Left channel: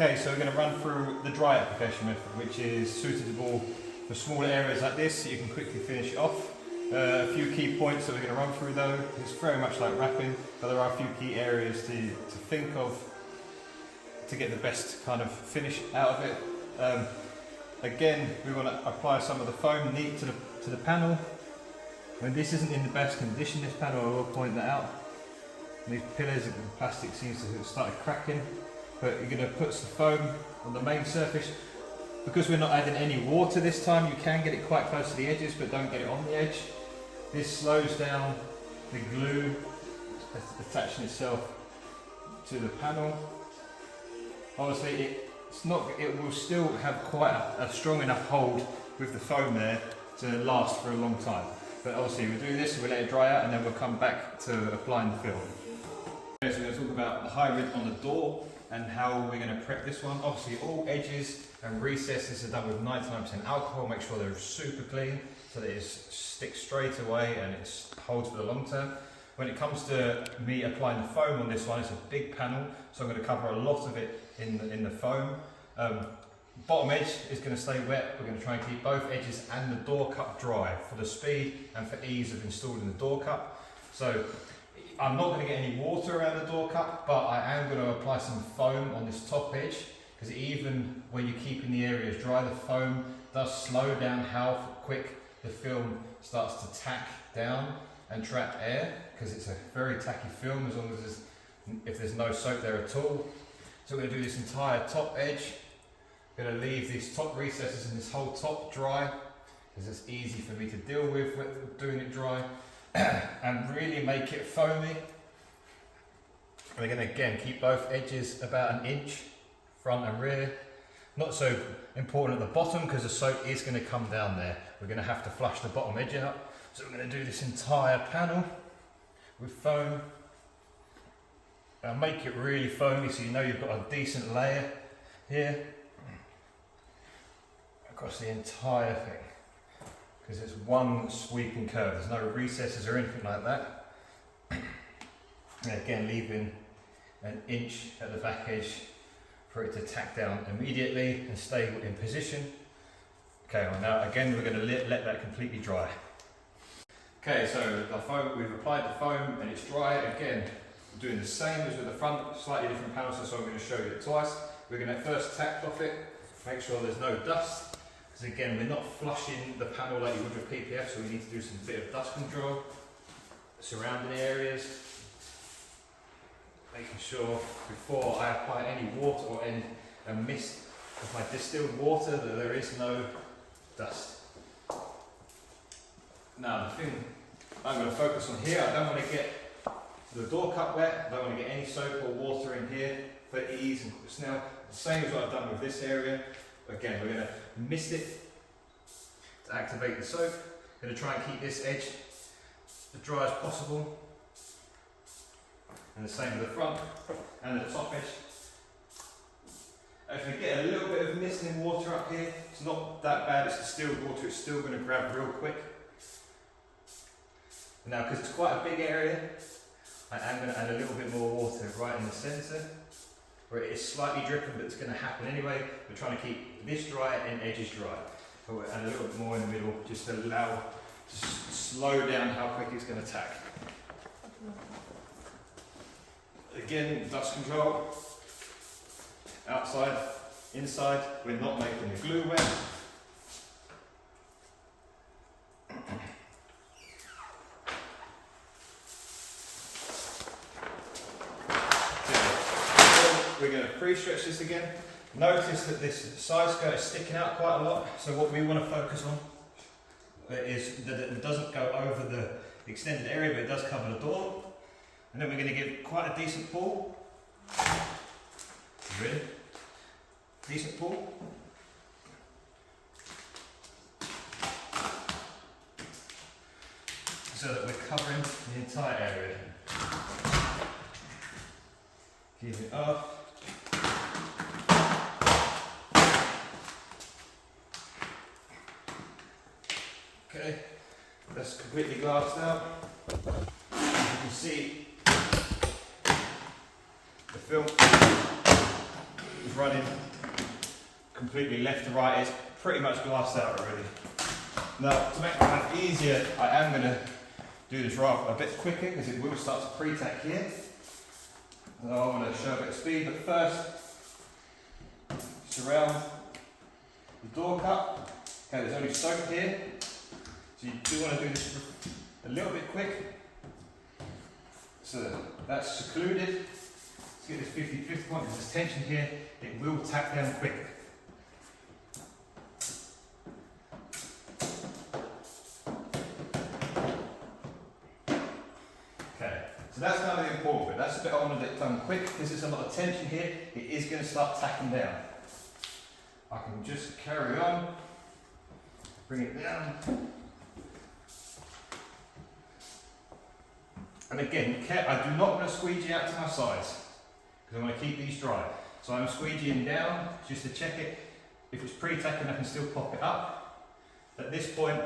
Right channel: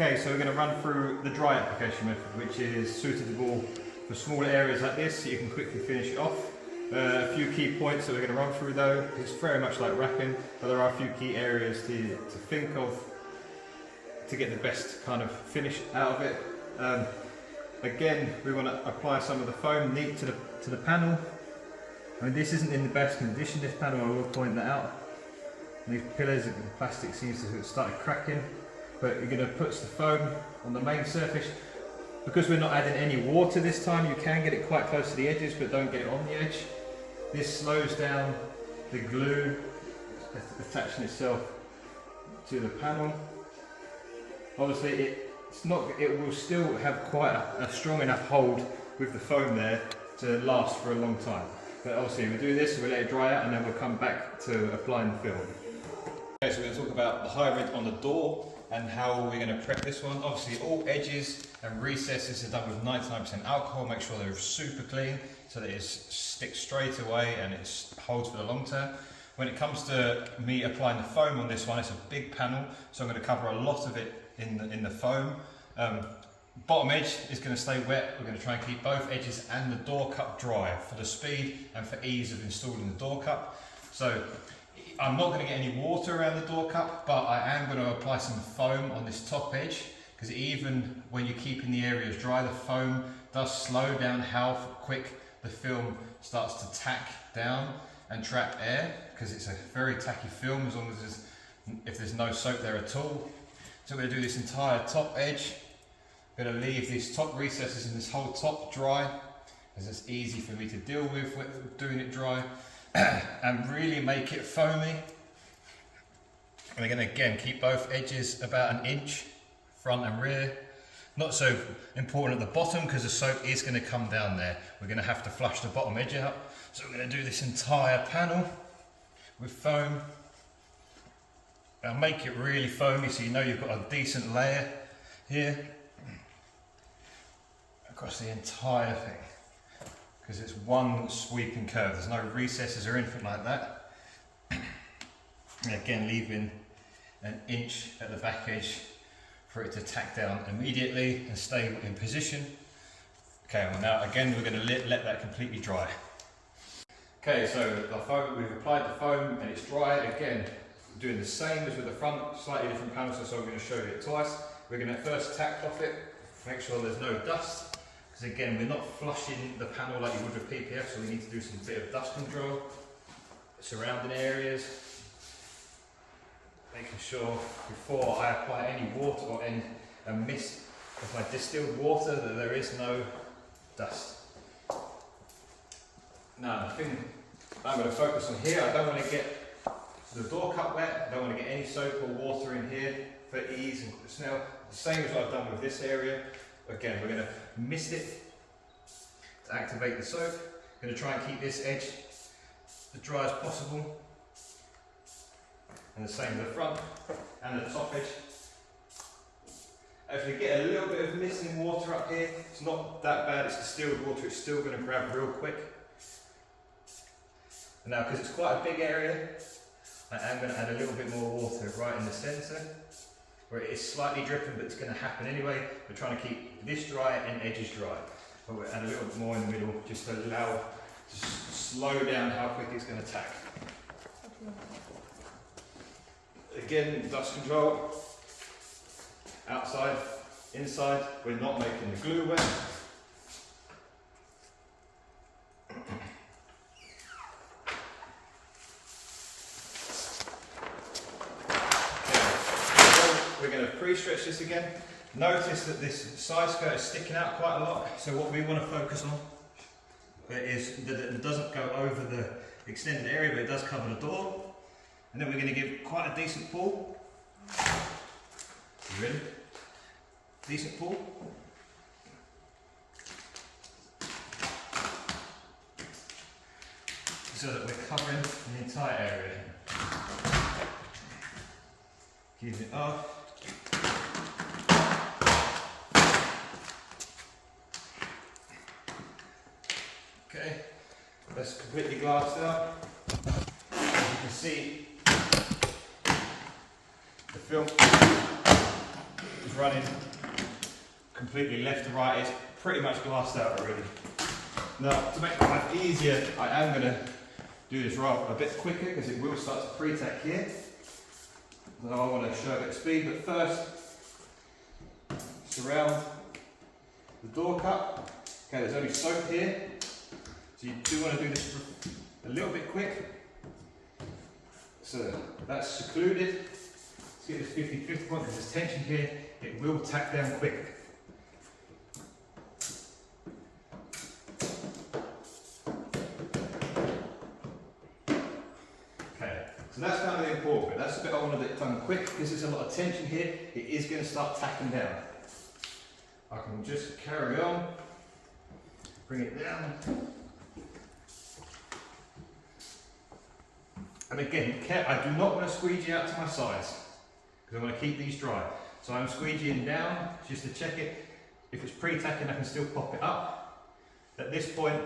Okay, so we're going to run through the dry application method, which is suitable for smaller areas like this, so you can quickly finish it off. A few key points that we're going to run through though. It's very much like wrapping, but there are a few key areas to think of to get the best kind of finish out of it. Again, we want to apply some of the foam neat to the panel. I mean, this isn't in the best condition, this panel, I will point that out. These pillars, the plastic seems to have started cracking, but you're going to put the foam on the main surface. Because we're not adding any water this time, you can get it quite close to the edges, but don't get it on the edge. This slows down the glue attaching itself to the panel. Obviously, it will still have quite a strong enough hold with the foam there to last for a long time. But obviously, we'll do this, we'll let it dry out, and then we'll come back to applying the film. Okay, so we're going to talk about the hybrid on the door and how we're going to prep this one. Obviously, all edges and recesses are done with 99% alcohol. Make sure they're super clean so that it sticks straight away and it holds for the long term. When it comes to me applying the foam on this one, it's a big panel, so I'm going to cover a lot of it in the foam. Bottom edge is going to stay wet. We're going to try and keep both edges and the door cup dry for the speed and for ease of installing the door cup. So I'm not going to get any water around the door cup, but I am going to apply some foam on this top edge, because even when you're keeping the areas dry, the foam does slow down how quick the film starts to tack down and trap air, because it's a very tacky film as long as if there's no soap there at all. So we're going to do this entire top edge. I'm going to leave these top recesses and this whole top dry, because it's easy for me to deal with doing it dry, and really make it foamy. And we're going to again keep both edges about an inch, front and rear. Not so important at the bottom because the soap is going to come down there. We're going to have to flush the bottom edge out. So we're going to do this entire panel with foam. And make it really foamy so you know you've got a decent layer here across the entire thing, because it's one sweeping curve. There's no recesses or anything like that. And again, leaving an inch at the back edge for it to tack down immediately and stay in position. Okay, well now again we're going to let that completely dry. Okay, so the foam, we've applied the foam and it's dry. Again, doing the same as with the front, slightly different panels, so I'm going to show you it twice. We're going to first tack off it, make sure there's no dust, because again we're not flushing the panel like you would with PPF, so we need to do some bit of dust control surrounding areas, making sure before I apply any water or any mist, if I distilled water, that there is no dust. Now the thing I'm going to focus on here, I don't want to get the door cup wet, I don't want to get any soap or water in here for ease and smell. The same as what I've done with this area. Again, we're going to mist it to activate the soap. Going to try and keep this edge as dry as possible. And the same with the front and the top edge. If we get a little bit of mist and water up here, it's not that bad, it's distilled water, it's still going to grab real quick. Now, because it's quite a big area, I am going to add a little bit more water right in the centre, where it is slightly dripping, but it's going to happen anyway. We're trying to keep this dry and edges dry. But we'll add a little bit more in the middle, just to allow to slow down how quick it's going to tack. Again, dust control. Outside, inside, we're not making the glue wet. We're going to pre-stretch this again. Notice that this side skirt is sticking out quite a lot, so what we want to focus on is that it doesn't go over the extended area, but it does cover the door. And then we're going to give quite a decent pull. You ready? Decent pull. So that we're covering the entire area. Keep it off. Okay, that's completely glassed out. As you can see, the film is running completely left to right. It's pretty much glassed out already. Now, to make life easier, I am going to do this rather a bit quicker because it will start to pre-tack here. So I want to show a bit of speed, but first, surround the door cut. Okay, there's only soap here, so you do want to do this a little bit quick. So that's secluded. Let's get this 50-50 point. There's tension here. It will tack down quick. Okay, so that's kind of the important bit. That's the bit I want to get done quick because there's a lot of tension here. It is going to start tacking down. I can just carry on, bring it down. And again, I do not want to squeegee out to my sides because I want to keep these dry. So I'm squeegeeing down just to check it. If it's pre-tacking, I can still pop it up. At this point,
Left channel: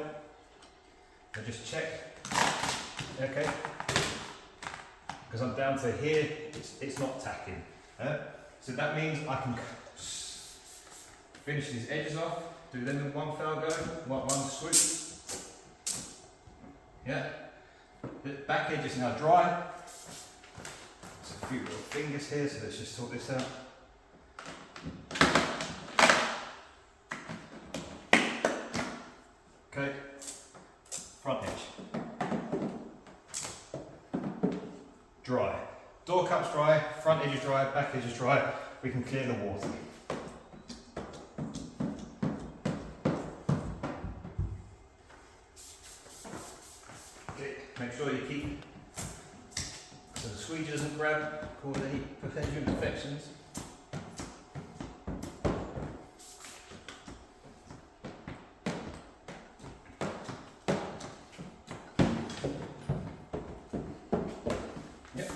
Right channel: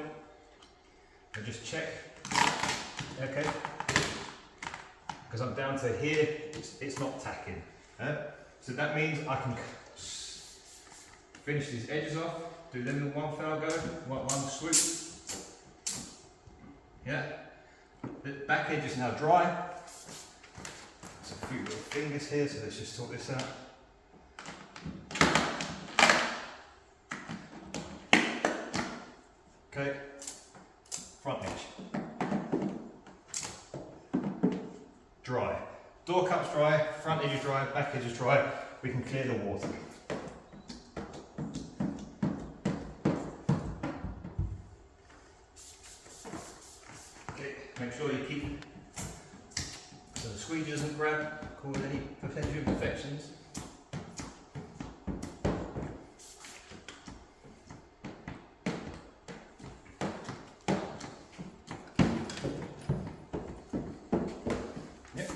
I just check, okay, because I'm down to here, it's not tacking. So that means I can finish these edges off, do them in one fell go, one swoop. Yeah. The back edge is now dry. There's a few little fingers here, so let's just sort this out. Okay, front edge. Dry. Door cup's dry, front edge is dry, back edge is dry. We can clear the water. Make sure you keep so the squeegee doesn't grab, cause any potential infections. Yep.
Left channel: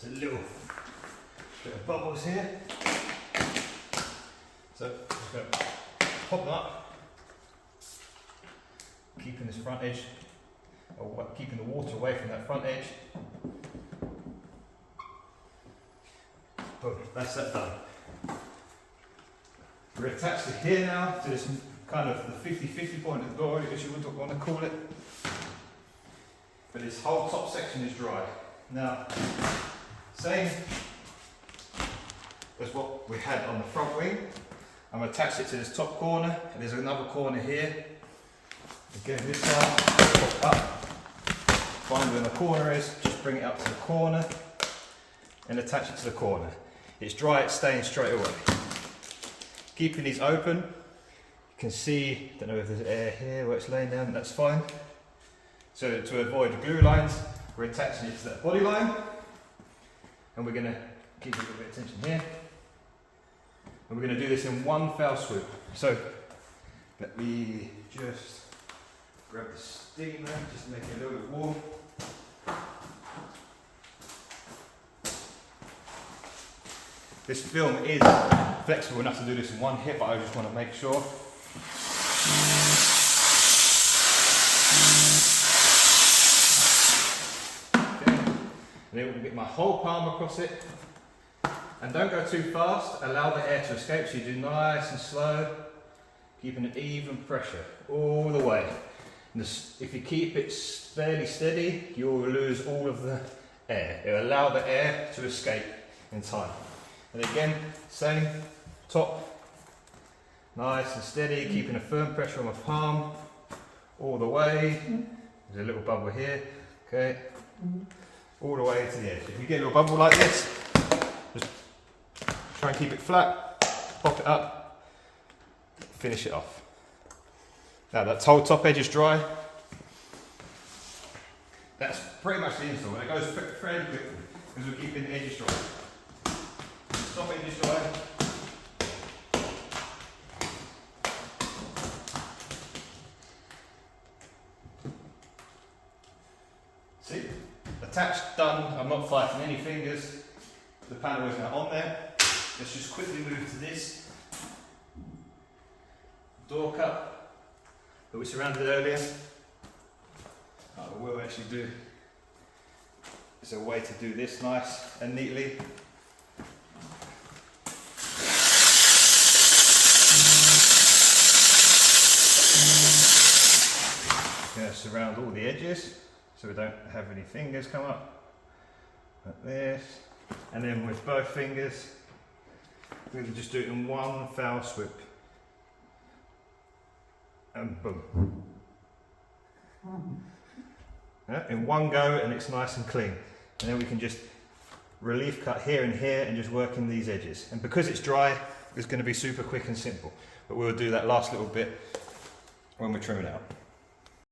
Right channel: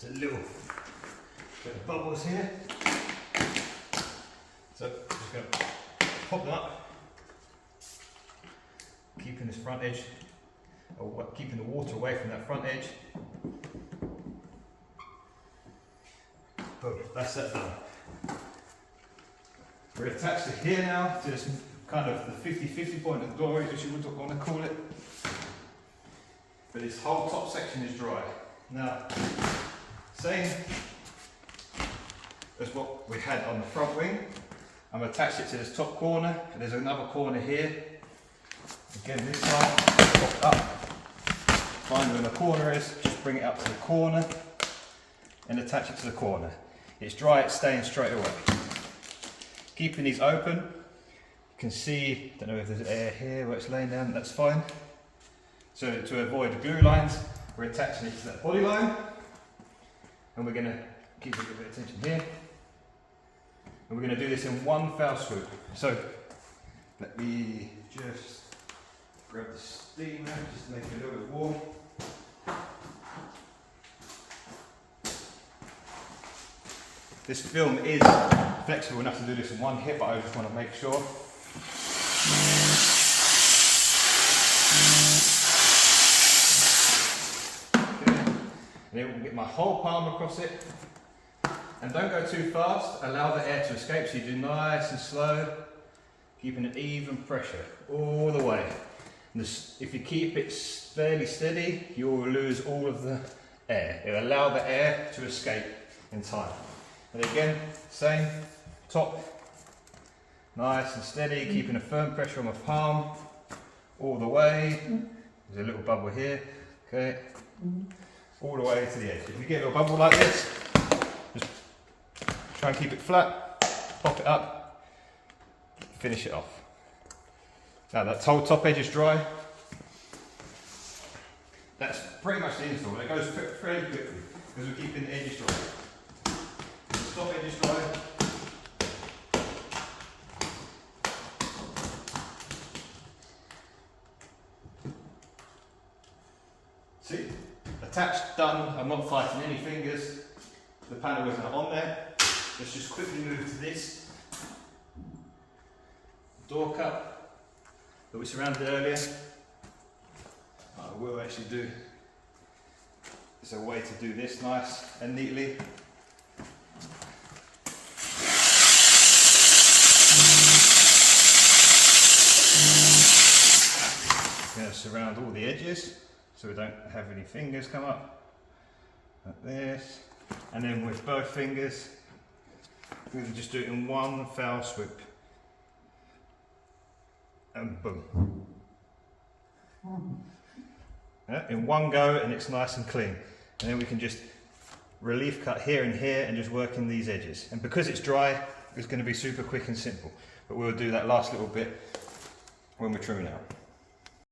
There's a little bit of bubbles here. So just going to pop that up, keeping this front edge, or keeping the water away from that front edge. Boom, that's that done. We're attached to here now, to this kind of the 50-50 point of glory, as you would want to call it. But this whole top section is dry. Now, same as what we had on the front wing. I'm attached it to this top corner, and there's another corner here. Again, this side, pop up, find where the corner is, just bring it up to the corner, and attach it to the corner. It's dry, it's staying straight away. Keeping these open, you can see, don't know if there's air here where it's laying down, that's fine. So to avoid the glue lines, we're attaching it to that body line, and we're going to keep a little bit of tension here. And we're going to do this in one fell swoop. So let me just grab the steamer just to make it a little bit warm. This film is flexible enough to do this in one hit, but I just want to make sure. Okay. And then we'll get my whole palm across it. And don't go too fast, allow the air to escape, so you do nice and slow, keeping an even pressure all the way. And if you keep it fairly steady, you will lose all of the air. It will allow the air to escape in time. And again, same, top, nice and steady, keeping a firm pressure on my palm all the way. There's a little bubble here, okay, all the way to the edge. If you get a little bubble like this, just try and keep it flat, pop it up, finish it off. Now that whole top edge is dry. That's pretty much the install, and it goes fairly quickly because we're keeping the edges dry. The top edge is dry. See, attached, done. I'm not fighting any fingers. The panel is now on there. Let's just quickly move to this door cup that we surrounded earlier. I will actually do, there's a way to do this nice and neatly. I'm going to surround all the edges so we don't have any fingers come up like this, and then with both fingers we're going to just do it in one foul swoop and boom. Yeah, in one go, and it's nice and clean, and then we can just relief cut here and here and just work in these edges, and because it's dry it's going to be super quick and simple, but we'll do that last little bit when we're trimming out.